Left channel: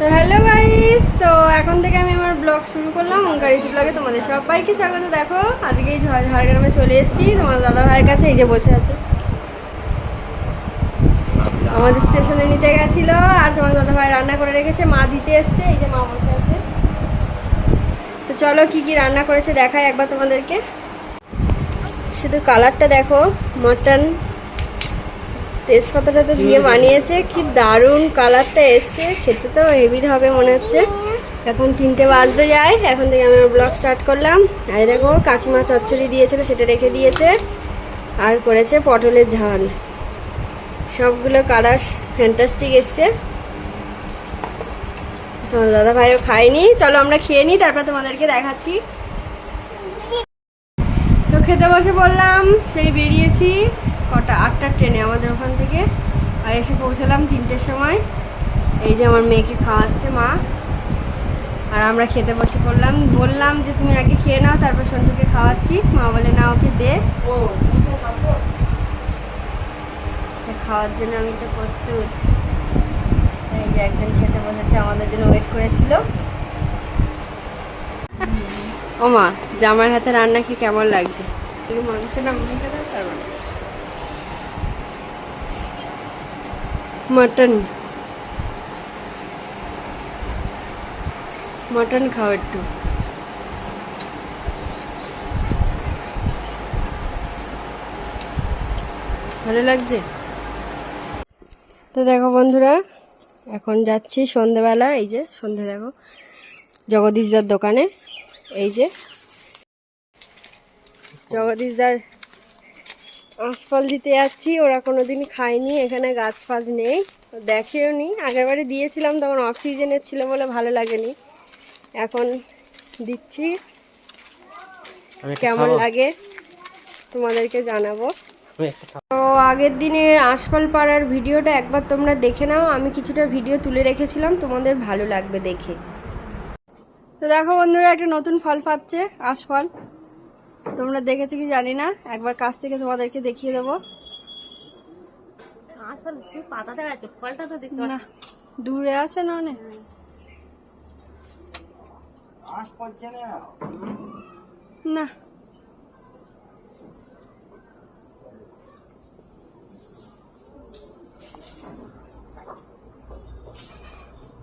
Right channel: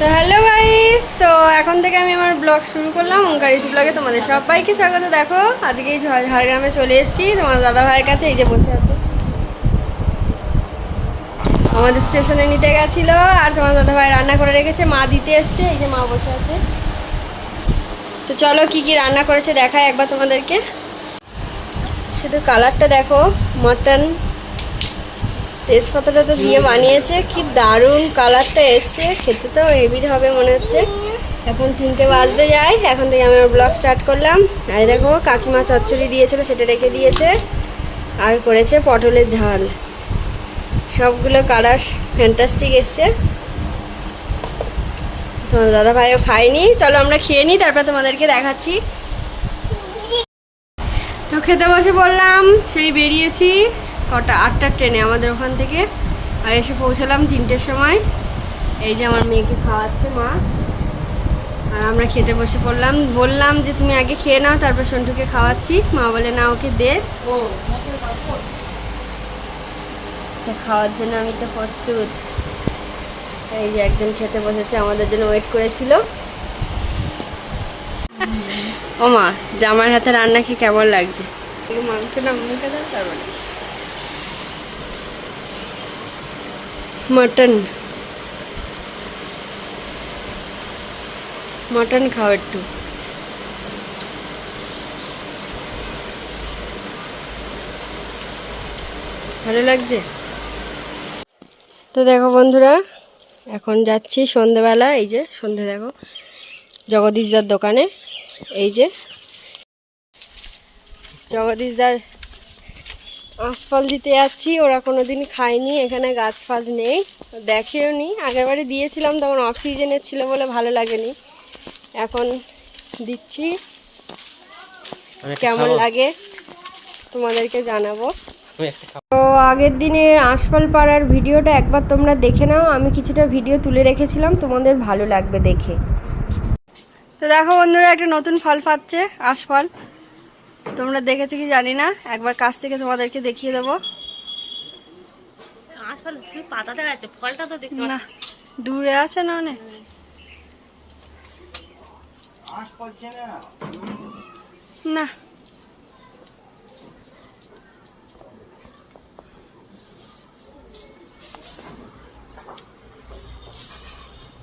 তো hello guys, তো এখন থেকে আমি আমার ব্লগ শুরু করলাম ওঙ্কারিত ব্লগে। তোমাদের সবাইকে স্বাগত। দেখো আজকে এই ঝাড়গ্রামে চলে এসেছি তোমার দাদা ভাইয়ের কাছে। এই যে বসে আছে, আমাদের স্টেশনে নিতে গেছিলো আর তোমার দাদা ভাই রান্না করে রেখেছে, মা দিতে এসছে। এই যে মা বসে আছে। তো চলো কি কি রান্না করেছে দেখাই একবার তোমাদেরকে। শুধু কালারটা দেখো, মটন তেজপাতাটা তো দিয়ে বানিয়েছে, কি দারুণ কালারটা এসছে। খেতে তো হেভি হবে মনে হচ্ছে। এখন 3টে বাজতে যায়, এখন থেকে আমি ব্লগ স্টার্ট করলাম। আর দেখো কাকিমা চচ্চড়ি দিয়েছিল, সেটা রেখে দিয়েছে। আর করেছে পটলের ঝাল। সবগুলো কালার ফ্যান্টাস্টিক এসছে। তোমার দাদা ভাইও খায়নি, চলো আমরা খেয়ে নিই, তারপর তোমাদেরকে দেখাচ্ছি। তো খেতে বসে পড়লাম, সেই বেরিয়েছি কটা 8টার ট্রেনে আমাদের ওখান থেকে। আর এসে পৌঁছালাম 3টের সময়। এই যে আমার মেয়েকে খাওয়াচ্ছে মা, আর আমরা খেতে বসে পড়লাম। বললাম যে তুমি আগে খেয়ে নাও, তারপর সন্টুকে খাওয়াচ্ছি। মা বলে না, ওকে দে। খাওয়ার জন্য আমি তো প্রস্তুত। এই যে একজন খেতে বসেছে, আমাদের জন্য ওয়েট করেছিল। ও মা, জামার হাতে রান্না খেয়ে কেমন লাগছে? মাংসটা মুখে দাও, তারপরে মটন মটন খাও একটু। ভালো লাগছে তো। দেখো বন্ধুরা, এখন যাচ্ছি সন্ধেবেলা। এই যে সন্ধে দেখো জগদীশদার দোকানে। এই যে জগদীশদার আঁশফল দিতে যাচ্ছি। ওরা কোনোদিন খায়নি, এখানে গাছ ফাছ নেই, দেখেও নি। আগেরবারে দিয়েছিলাম, তখন অফ সিজনের ছিল বলে ভালো লাগেনি। এখন দিচ্ছি, কেমন লাগে তোমাদেরকে জানাবো। তো আগের দিনের আঁশফল পাড়ার ভিডিওটা একবার তোমরা দেখে নাও, আমি কিছুটা ভিডিও তুলে রেখেছিলাম, তোমাদের ভালো লাগবে দেখে। তো দেখো বন্ধুরা, একটা নতুন ফল পাচ্ছে, আঁশফল। তোমরা দেখেছো কি জানি না, একবার কাছ থেকে তোমাদেরকে দেখিয়ে দেবো। পাতা দেখা যাচ্ছে, ফলটা তো দেখতে না, দূরে আছে না অনেক। না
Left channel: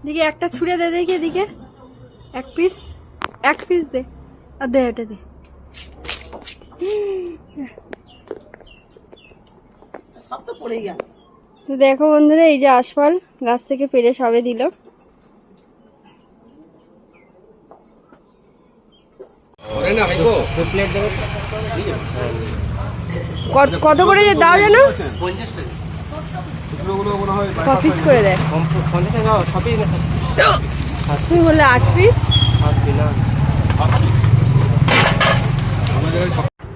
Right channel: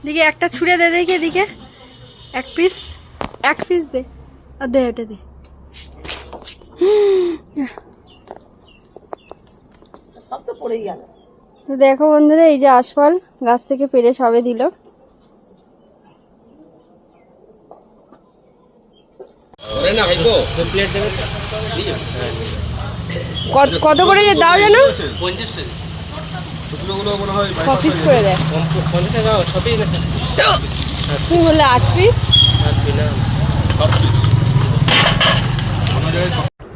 দিকে একটা ছুঁড়ে দে, দেখি এদিকে এক পিস দে, আর দে এটা দে। তো দেখো বন্ধুরা, এই যে আঁশফল গাছ থেকে পেড়ে সবে দিল। কত করে যে দাও যেন? 50 টাকা। ক পিস করে দেয়? তুমি বললে 8 পিস।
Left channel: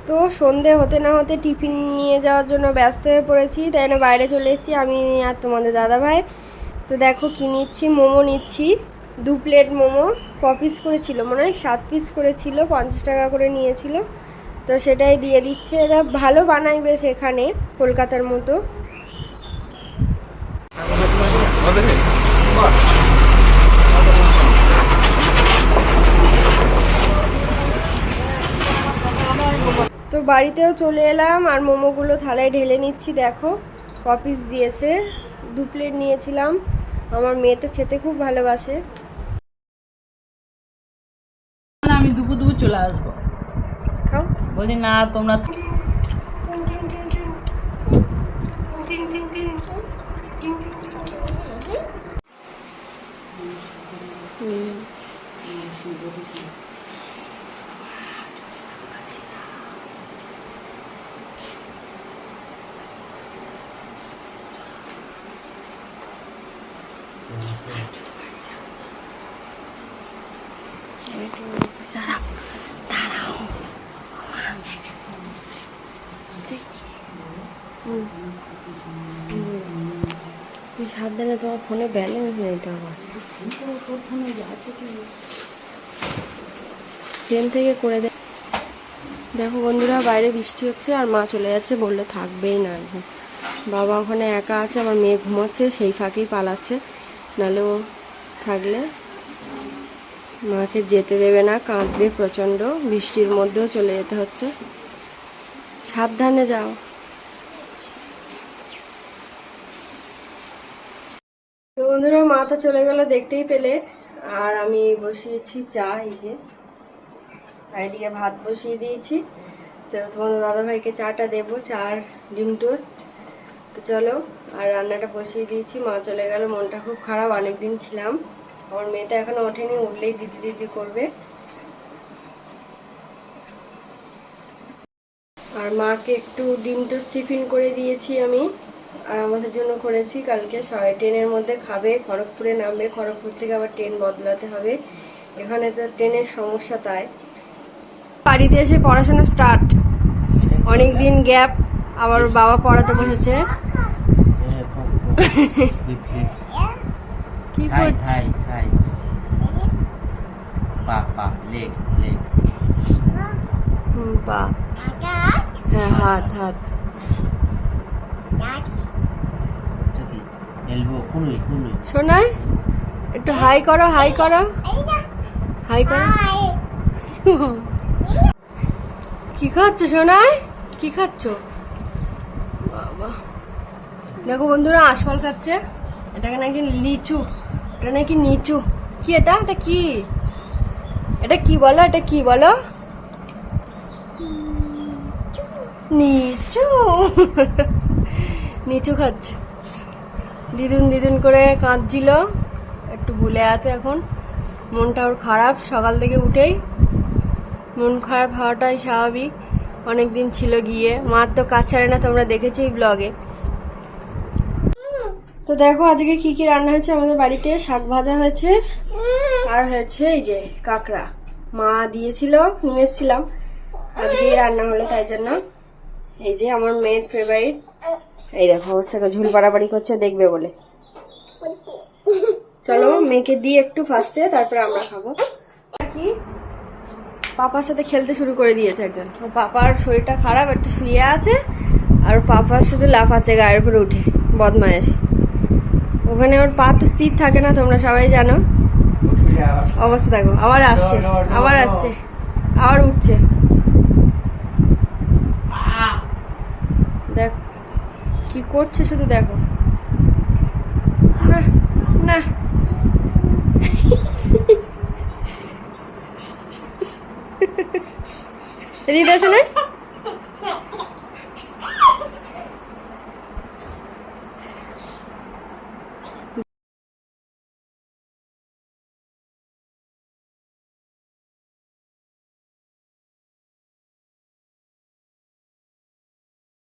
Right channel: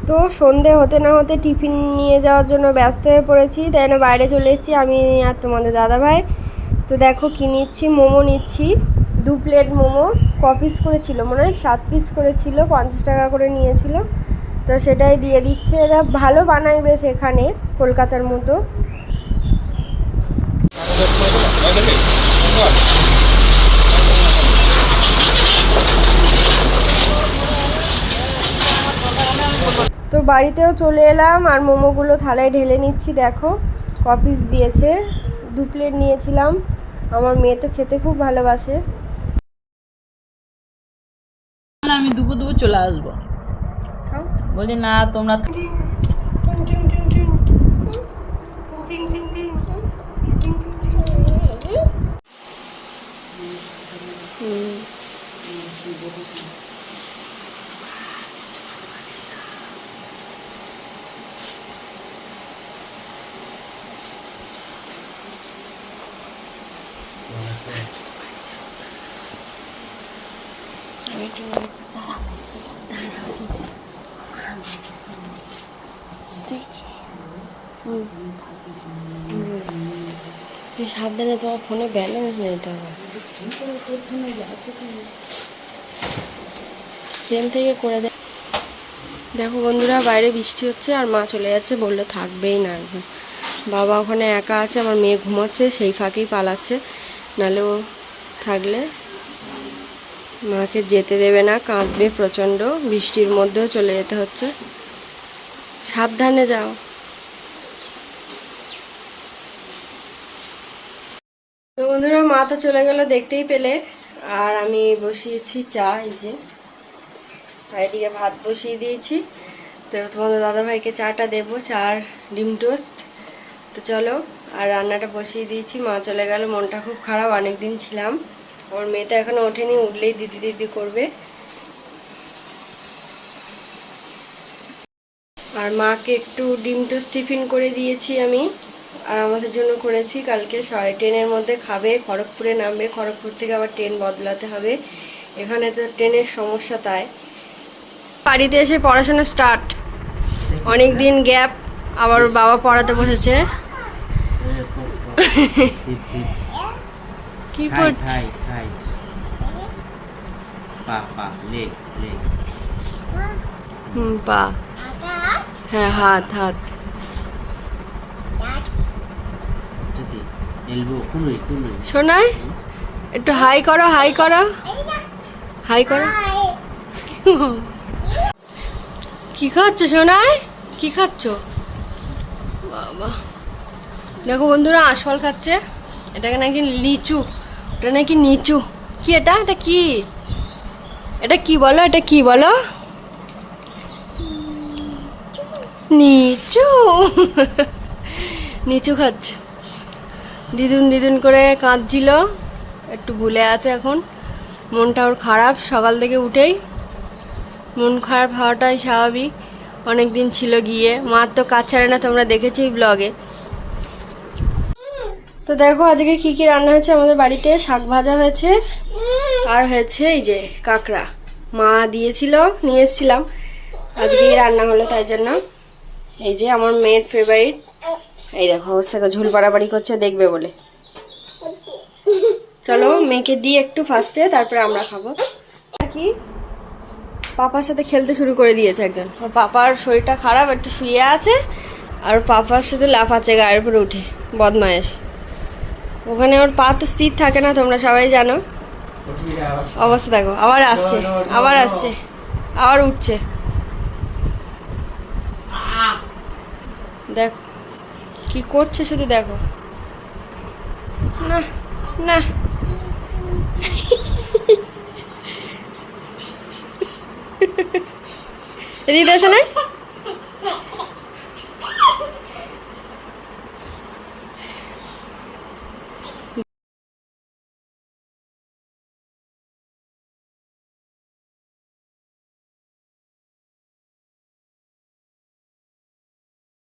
তো সন্ধে হতে না হতে টিফিন নিয়ে যাওয়ার জন্য ব্যস্ত হয়ে পড়েছি, তাই না বাইরে চলে এসেছি আমি আর তোমাদের দাদা ভাই। তো দেখো কি নিচ্ছি, মোমো নিচ্ছি। 2 প্লেট মোমো। ক পিস করেছিল মনে হয়? 7 পিস করেছিল, 50 টাকা করে নিয়েছিল। তো সেটাই দিয়ে দিচ্ছে। এরা ভালো বানায় বেশ এখানে, কলকাতার মতো। তো বাড়িতেও চলে এলাম, আর মোমোগুলো থালায় ঢেলে নিচ্ছি। দেখো ক পিস দিয়েছে, 2 প্লেট নিয়েছিলাম। আমার মেয়ে তো খেতে খুব ভালোবাসে। আমি দুপুর চলে আসবো, বলছি না তোমরা। সাবধানে, তোমার ফোনে ব্যালেন্স নেই তো। আমার ট্রেন থেকে করে দেয়। দেখো বন্ধুরা, বাইরে বৃষ্টি হচ্ছে আর মা চলে যাচ্ছে, বললে থাকবেই না একদম। বাবা ওখানে একা আছে, আমার মেয়ে ঘুমোচ্ছে, সেই ফাঁকেই পালাচ্ছে, নাহলে ও থাকলে মাকে যেতে দেবে না, কাঁদবে প্রচণ্ড। বৃষ্টির মধ্যেও চলে যেতে হচ্ছে। সাবধানে যাও। তো বন্ধুরা, মা তো চলে গেল দেখতেই পেলে। আর আমি বসিয়েছি চা, এই যে এদিকে ভাত বসিয়ে দিয়েছি। তো তোমাদের দাদাভাইকে চাটা দেবো, চা আর ডিম টোস্ট। তো চলো, আর রান্নাটা বসিয়ে দিয়েছি। মা চলে গেল, মনটা খুব খারাপ। অনেক দিন ছিলাম। আমার মেয়ে তো এখনো ওঠেনি, উঠলেই দিদি দিদি করবে। আর মাকে একটু ডিম টোস্ট টিফিন করে দিয়েছি আমি, আর আমাদের জন্য করেছি। কালকে 10:30-এর মধ্যে খাবে, খড়গপুরে নামবে। খড়গপুর থেকে আবার ট্রেন বদলাতে হবে, এখানে তো ট্রেনের সমস্যা। তাই বাড়িতে এসে পড়াশোনা স্টার্ট, অনেক দিন গ্যাপ। আবার ওর বাবা পড়াতে বসেছে। কি করছে? পা, হ্যাঁ হাত হাত। শোনাই, একটু হাই করো, হাই করো, হাই করো। কি খাচ্ছ সোনাই, কি খাচ্ছ? বাবা, দেখো বন্ধুরা, আশফল খাচ্ছে। এটাকে নাকি লিচু, এটা নাকি নিচু। কি এটা? এটা কি? এটা কি বলো? এটা কি বলো? নিচু। নিচু খাচ্ছে। দিদুন দিদুন করে কাঁদছিল, একটু ভুলে আছে এখন। মনটা ওর খারাপ, সকাল থেকে উঠেই মন খারাপ হওয়াটাই স্বাভাবিক। অনেক দিন ছিল গিয়ে, মার তো কাজ ছাড়ে না, তোমরা দেখেছো ব্লগে। তো দেখো আজকে কি কি রান্না হয়েছে আমাদের বাড়িতে। শাক ভাজা হয়েছে, আর হয়েছে এই যে কাঁকড়া, মা দিয়েছিল, নিয়ে এসেছিলাম। আজকেই রান্না হলো, তাই জন্য। এই যে আমার মেয়ের ফেভারিট, এই দেখো অবস্থা, ঝুল পাড়াপাড়ি করছে দেখবে বলে। চলো মেয়েকে দিই একটু ফার্স্টে, তারপরে আমরা খাবো। কি পাপার সাথে খেলতে শুরু করে দিয়েছে একজন। ওর পাপার শরীরটা খারাপ, একটু শুয়ে আছে, আর পাপার শুধু লাফাচ্ছে গায়ের উপরে উঠে, বদমায়েশ। ওখানে ওর পা তো স্থির থাকে না, তোমরা সবাই জানো। অবস্থা দেখো, আবার আসছে, আবার আসছে, আবার উঠছে। দেখো কি করছে, শুধু দেখো না না। এদিকে আসো না।